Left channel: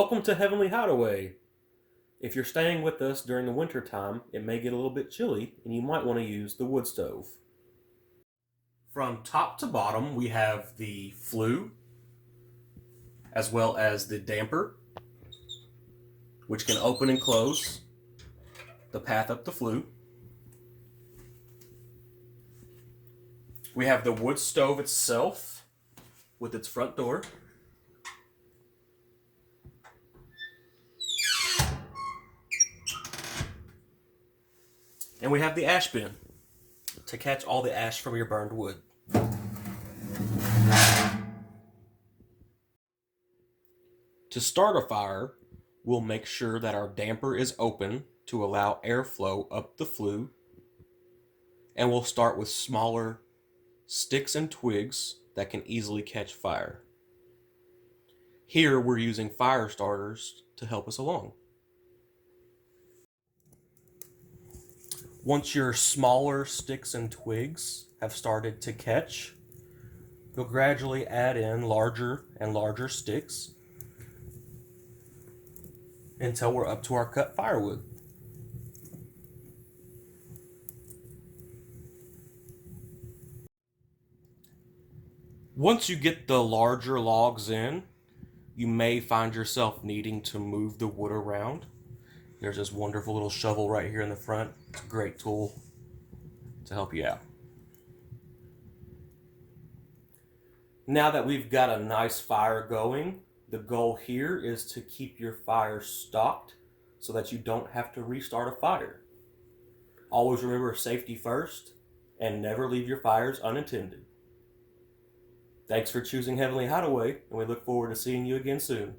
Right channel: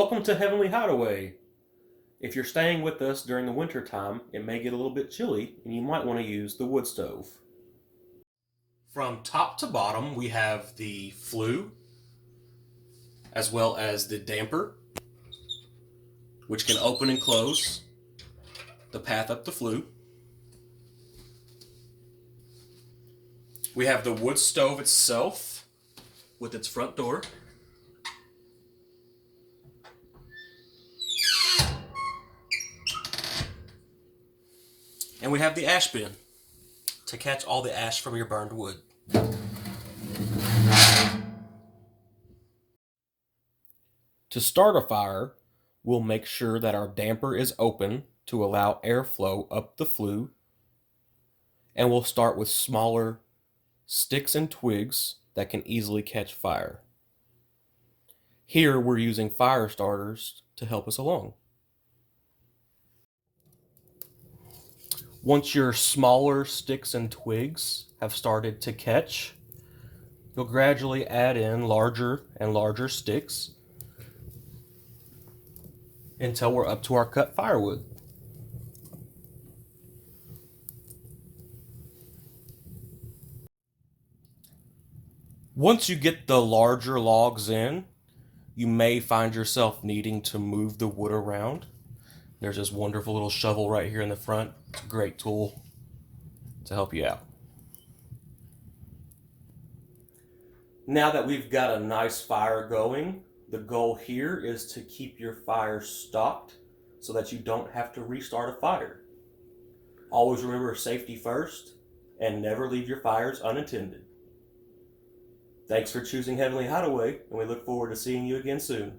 Welcome to Heavenly Hideaway. If you're staying with us during the winter time, it may get a little bit chilly and you might want to use the wood stove. From top to bottom, we have the flue as well as the damper, which can open and close the path up the flue. We have the wood stove itself with its front door. And we have the ash bin to catch all the ash from your burned wood. To start a fire, we'll make sure that our damper is open to allow airflow up the flue. And we'll start with smaller sticks and twigs that can easily catch fire. Here we're using fire starters to help us along. Once your smaller sticks and twigs have started to catch, you'll gradually add in larger and larger sticks until we're up to our cut firewood. Once you get the larger logs in, you may find yourself needing to move the wood around. There's this wonderful little shovel right here in the front. Great tool to help you out. Now that we've got a nice fire going, the goal here is to keep your fire stocked so that you don't have to restart a fire. Always remember safety first and never leave your fires unattended. Thanks for choosing Heavenly Hideaway, and we look forward to seeing you again soon.